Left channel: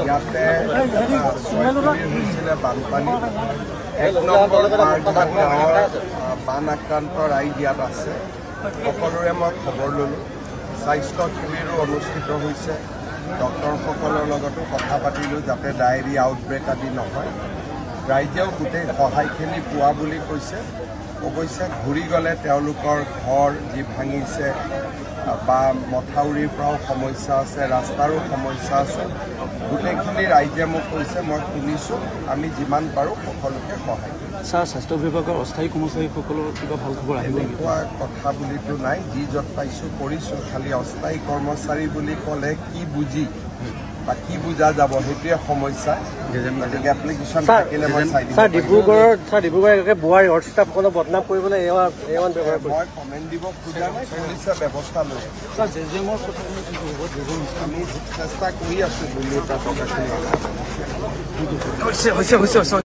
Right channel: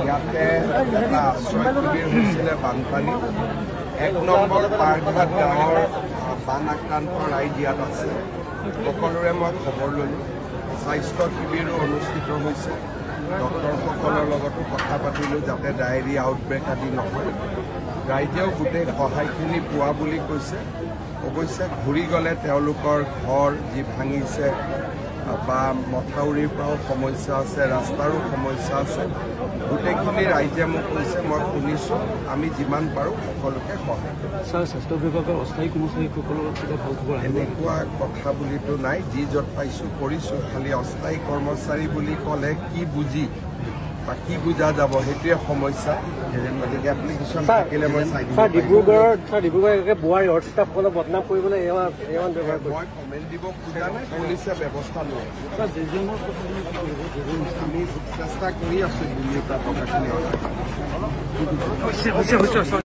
ইয়াতে এটা আশ্ৰয় শিবিৰ হৈছিলে বানপানী ১ নম্বৰ পাৰঘাট গাঁৱৰ বান আক্ৰান্ত ৰাইজ ইয়াত আছে সকলোৰে মই খবৰ ল'লোঁ স্বাস্থ্য শিবিৰো অনুষ্ঠিত হৈছে ডক্টৰসকলৰ লগতো কথা পাতিলোঁ যাতে ডায়েৰী আউটব্ৰেক আদি নহয় ৰাইজেও গোটেই সহায়খিনি পোৱা বুলি কৈছে অৱশ্যে ঘূৰি গ'লে তেওঁলোকৰ ঘৰ যি ভাঙিছে বা মথাউৰিৰ পৰাও সমস্যা আছে ৰাস্তাৰো সমস্যা আছে গোটেইখিনি ৰাইজে মোক কৈছে মই শুনিছোঁ আমি যিমান পাৰোঁ সকলোকে সহায় কৰিম ছাৰ স্বাস্থ্য বিভাগৰ অস্থায়ী কৰ্মচাৰীসকলৰ কিবা ভাল খবৰ এনেকুৱা কথা বুলিতো নাই যি য'ত পাইছোঁ কৰিছোঁ খালি অস্থায়ী কৰ্মচাৰী বুলি ক'লে কি বুজি বা কি বুজা যাব সেইটোৱে সমস্যা গতিকে এপ্লিকেশ্যন থাকিলে মই চাই দিম ডিব্ৰুগড় বোৱাৰ ৰড ষ্টাফসকলক বদনাম কৰিবলৈ মই কমেণ্ট দিব খোজা নাই পুলিচে ব্যৱস্থা লৈ আমি চেষ্টা কৰি আছোঁ দুৰ্নীতিৰ পৰা টকাখিনি